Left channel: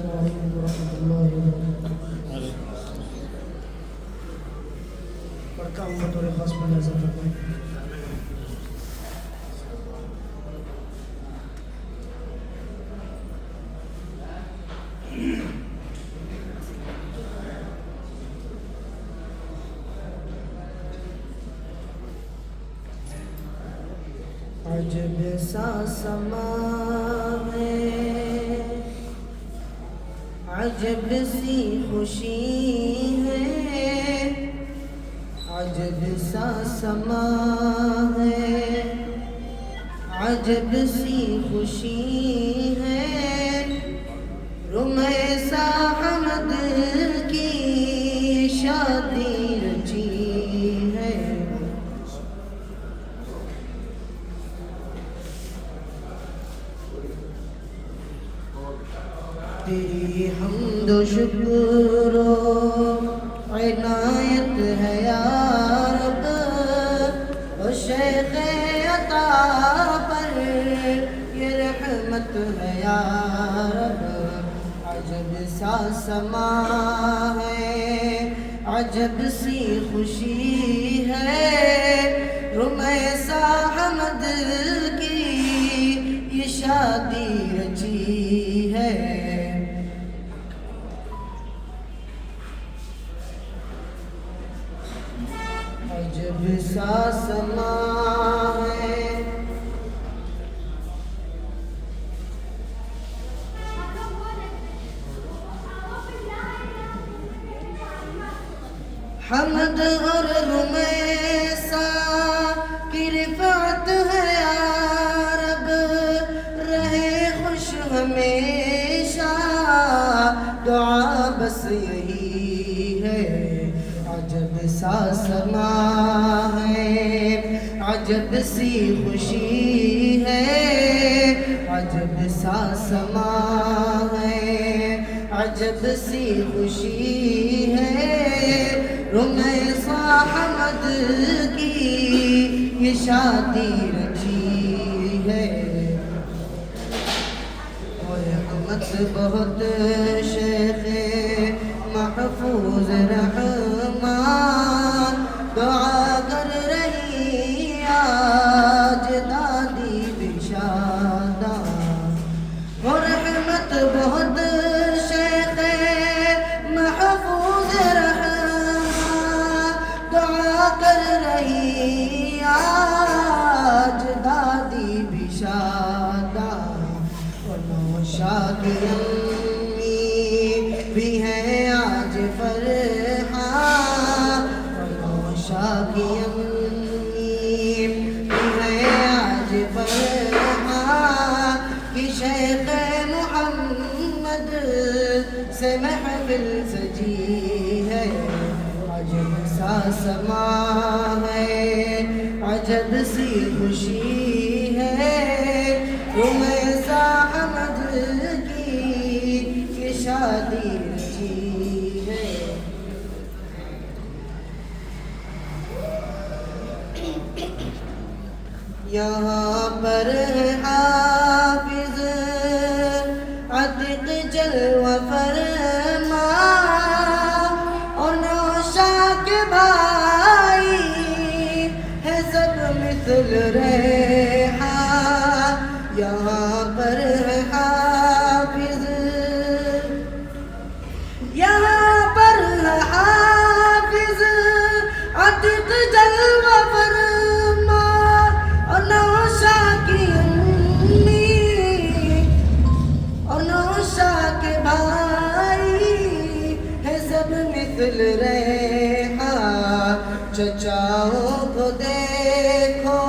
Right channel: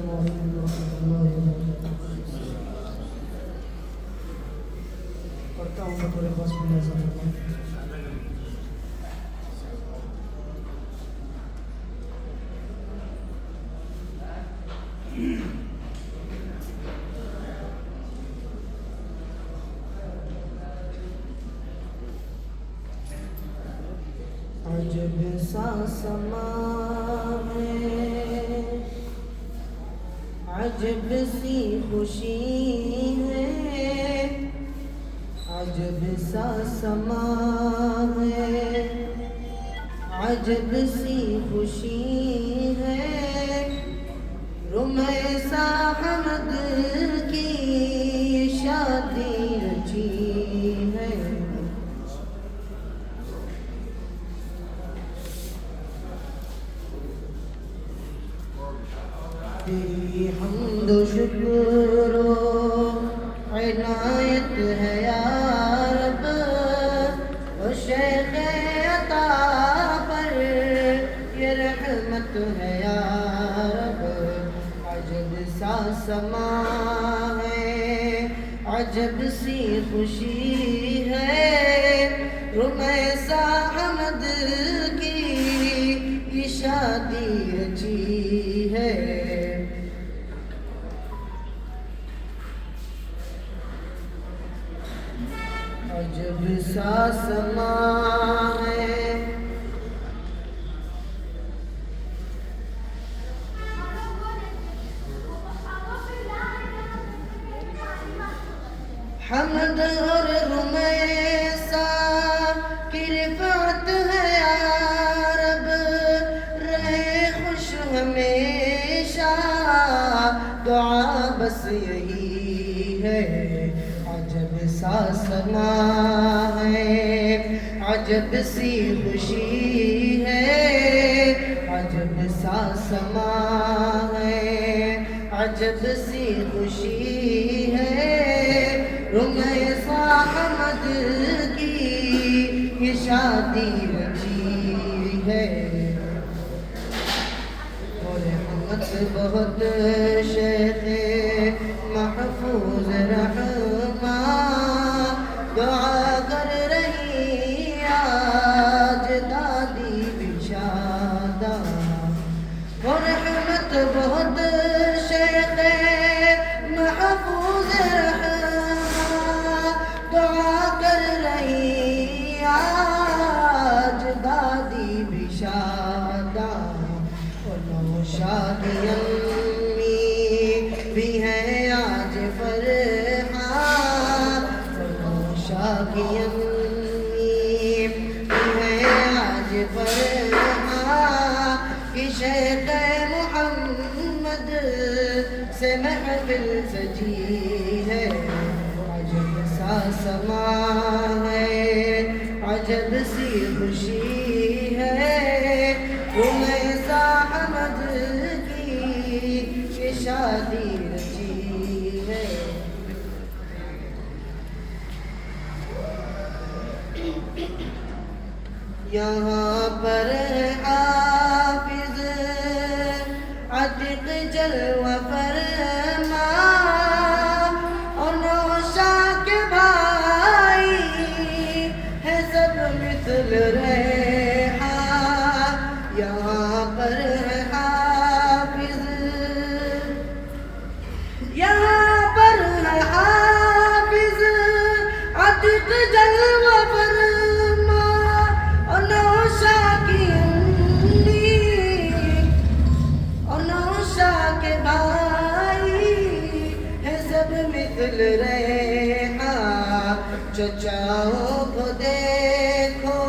السلام علیکم ورحمۃ اللہ وبرکاتہ. پڑھتا ہوں بطور خاص ملاحظہ کرتا ہوں. عجب سا سما ہے، عجب سی خوشی ہے، عجب سا سما ہے، عجب سی خوشی ہے، رمیسا حمد کی شادی رچی ہے. تیری حمد و شکر و عنایت ہے یا رب، و شیخ عطا پر یہ رحمت ہے یا رب. عجب سا سما ہے، عجب سی خوشی ہے، رمیسا حمد کی یہ شادی رچی ہے. عجب سا سما ہے، حمد اور رمیسا کی رفعت ہے یا رب، رہے خوش ہمیشہ دعا بس یہی ہے. عجب سا سما ہے، عجب سی خوشی ہے، عجب سا سما ہے، عجب سی خوشی ہے، رمیسا حمد کی یہ شادی رچی ہے. اور رحمت بہت شیخ محفوظ رحمان دعا کر رہی آج دادی بشادہ. اور رحمت بہت شیخ محفوظ رحمان دعا کر رہی آج دادی بشادہ. اور نوشاد امی بھی ہے آج فرحان، اور نوشاد امی بھی ہے آج فرحان، کہ شیخ محمد سے محفل سجی ہے. عجب سا سما ہے، عجب سی خوشی ہے، رمیسا حمد کی یہ شادی رچی ہے. یہاں پر حافظ عتیق جلوہ فرما، اور نوشا کے بھائی ہے سب مثل ریحان. یہاں پر حافظ، یہاں پر حافظ عتیق جلوہ فرما، اور نوشا کی امی اور نوشا کے بھائی ہے سب مثل ریحان. چچاؤں کو دیکھو،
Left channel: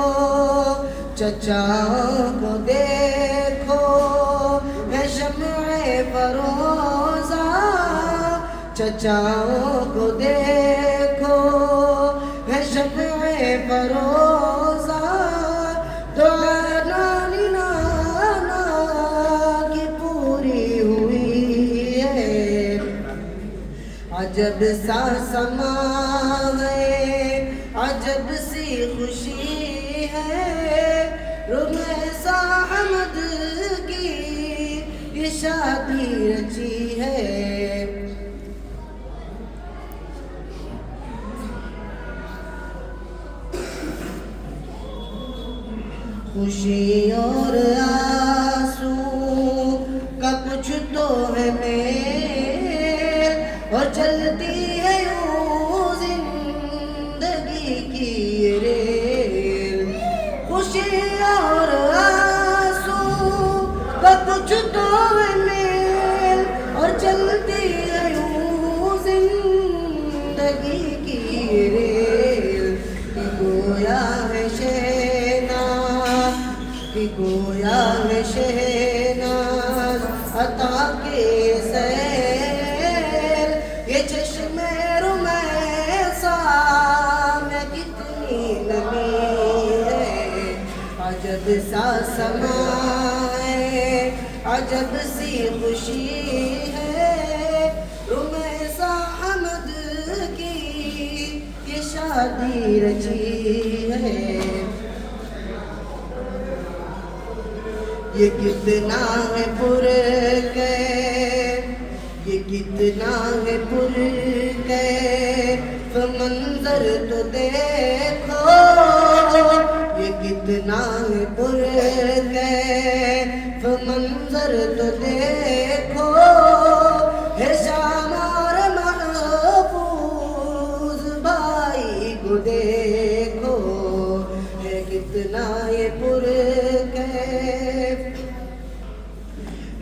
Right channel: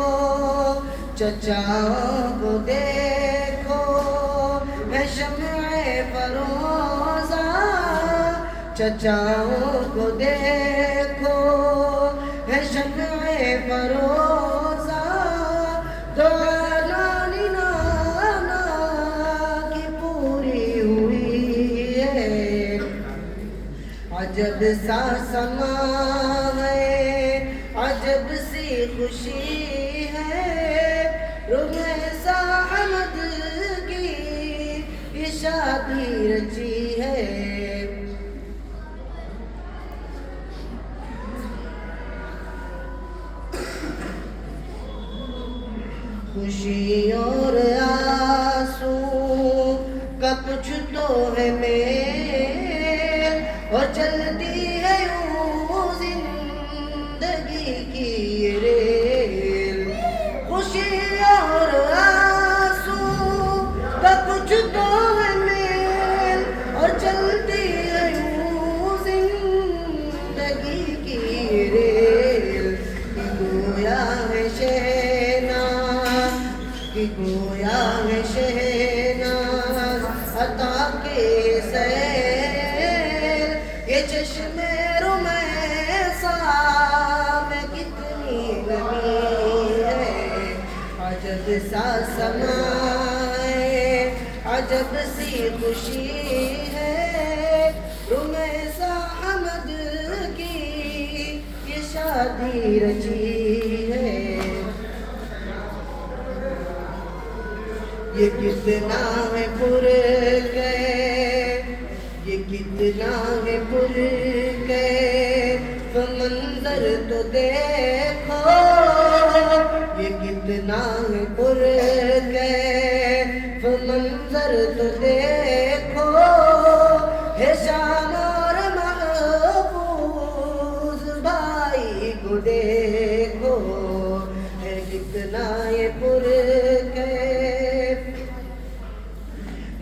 چچاؤں کو دیکھو، ہے شمع فروزہ. چچاؤں کو دیکھو، ہے شمع فروزہ. دعا نانی نانا کی پوری ہوئی ہے. عجب سا سما ہے، عجب سی خوشی ہے، رمیسا حمد کی یہ شادی رچی ہے خوشی اور آنسو کا کچھ تو ہے میل اور چلتی ہے یوں زندگی کی یہ ریل خوشی اور آنسو کا کچھ تو ہے میل اور چلتی ہے یوں زندگی کی یہ ریل گویا ہے گویا ہے شہناز عطا کے سیل یہ چشم رمیسا میں کتنی نمی ہے عجب سا سما ہے عجب سی خوشی ہے رمیسا حمد کی یہ شادی رچی ہے یہ کتنا ہے پرکیف یہ کتنا ہے پرکیف منظر تو دیکھو یہ کتنا ہے پرکیف منظر تو دیکھو ہے شان اور محفوظ بھائی کو دیکھو ہے کتنا یہ پرکیف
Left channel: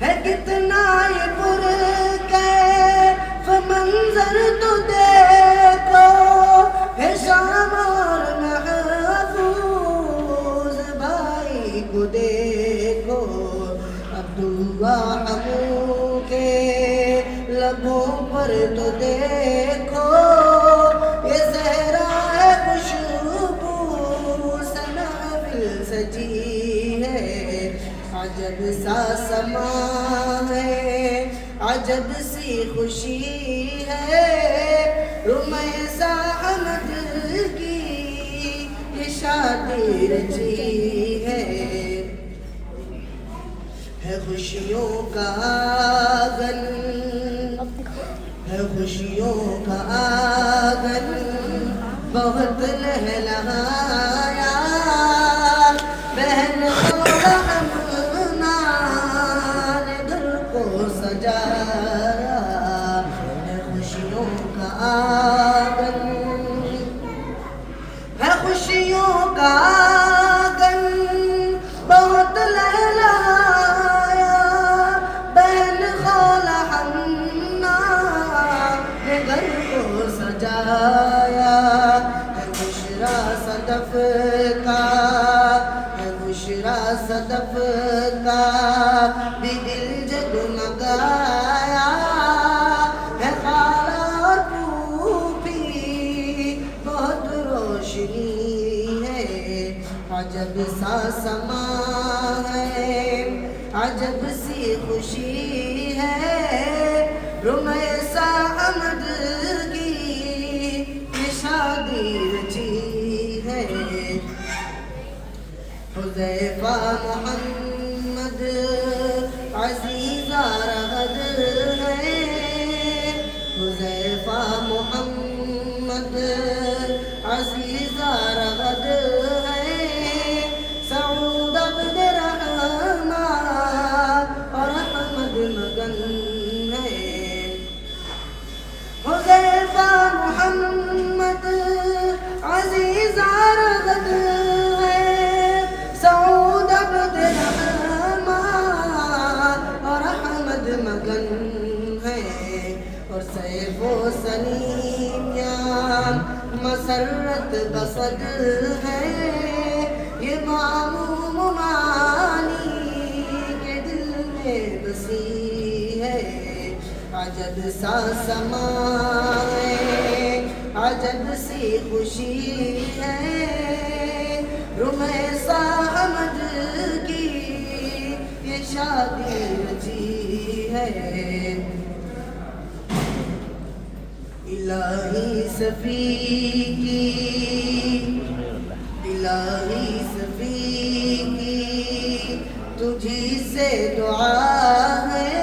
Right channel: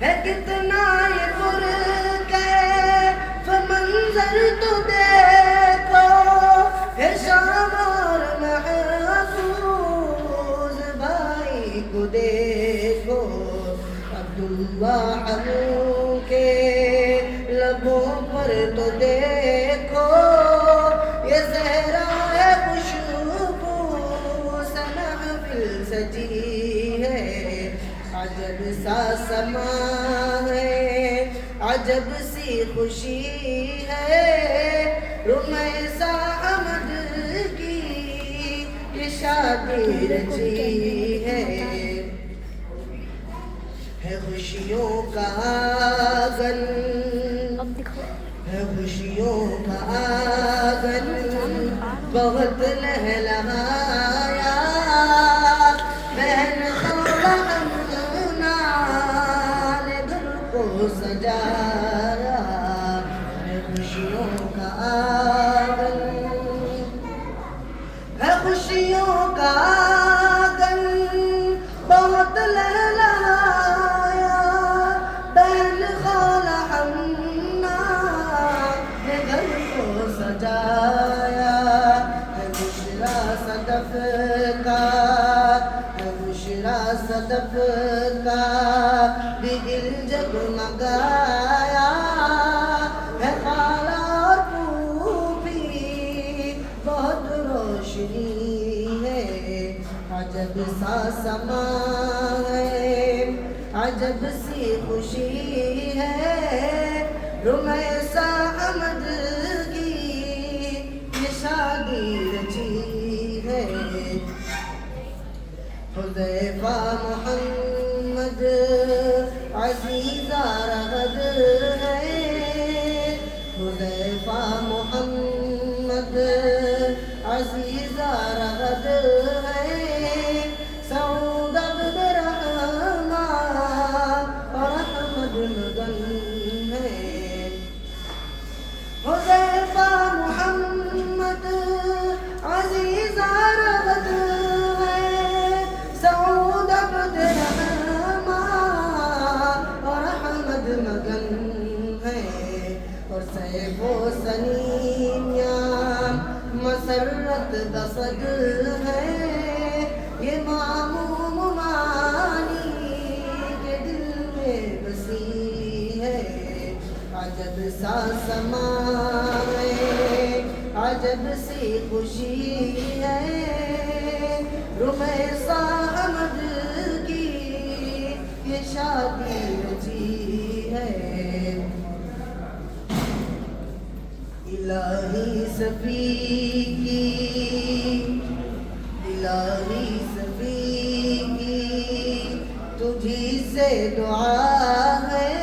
ہے کتنا یہ پرکیف منظر تو دیکھو ہے شام اور محفوظ بھائی کو دیکھو عبداللہ کے لبوں پر تو دیکھو یہ صحرا ہے خوشبو سنابل سجی ہے عجب سا سما ہے عجب سی خوشی ہے رمیسا حمد کی یہ شادی رچی ہے خوشیوں کا آنگن ہے خوشیوں کا آنگن بہت لہلہایا بہن سجایا ہے خوشیوں کا آنگن ہے خوشیوں کا آنگن بہت لہلایا بہن خالہ حنا نے گھر کو سجایا ہے بشرا صدف کا ہے بشرا صدف کا بھی دل جگمگایا ہے خالہ اور پھوپھی بہت روشنی ہے عجب سا سما ہے عجب سی خوشی ہے رمیسا حمد کی یہ شادی رچی ہے حذیفہ محمد عزیزہ رغد ہے حذیفہ محمد عزیزہ رغد ہے سعود عبد الرحمن اور احمد مگن ہے حذیفہ محمد عزیزہ رغد ہے سعود عبد الرحمن اور احمد مگن ہے اور سیف و سنیاں مسرت بسد ہے یہ معموم مانی کے دل میں بسی ہے عجب سا سما ہے عجب سی خوشی ہے رمیسا حمد کی یہ شادی رچی ہے الہی صفی کی الہی صفی کی تجھی سے دعا ہے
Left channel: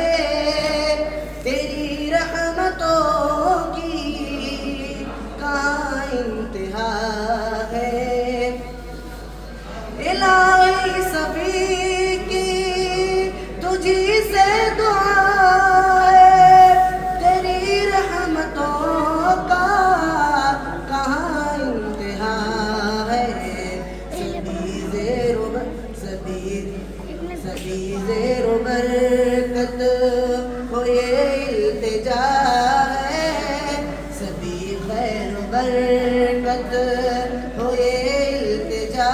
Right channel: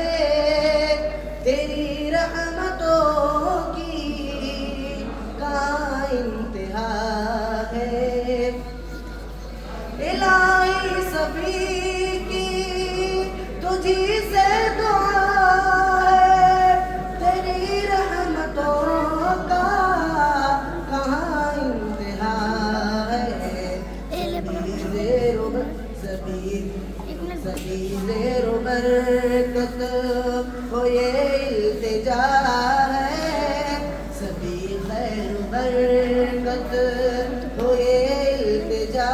ہو یہ التجا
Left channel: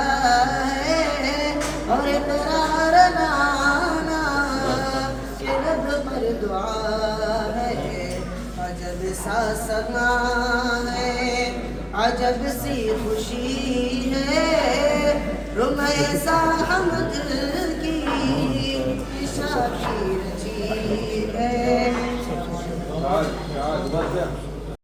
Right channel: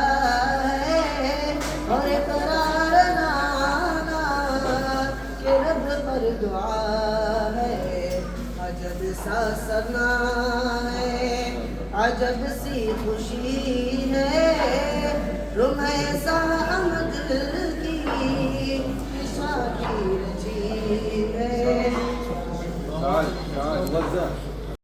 ہے اور اقرار نانا کہ رب پر دعا ہے عجب سا سما ہے عجب سی خوشی ہے رمے سا حمد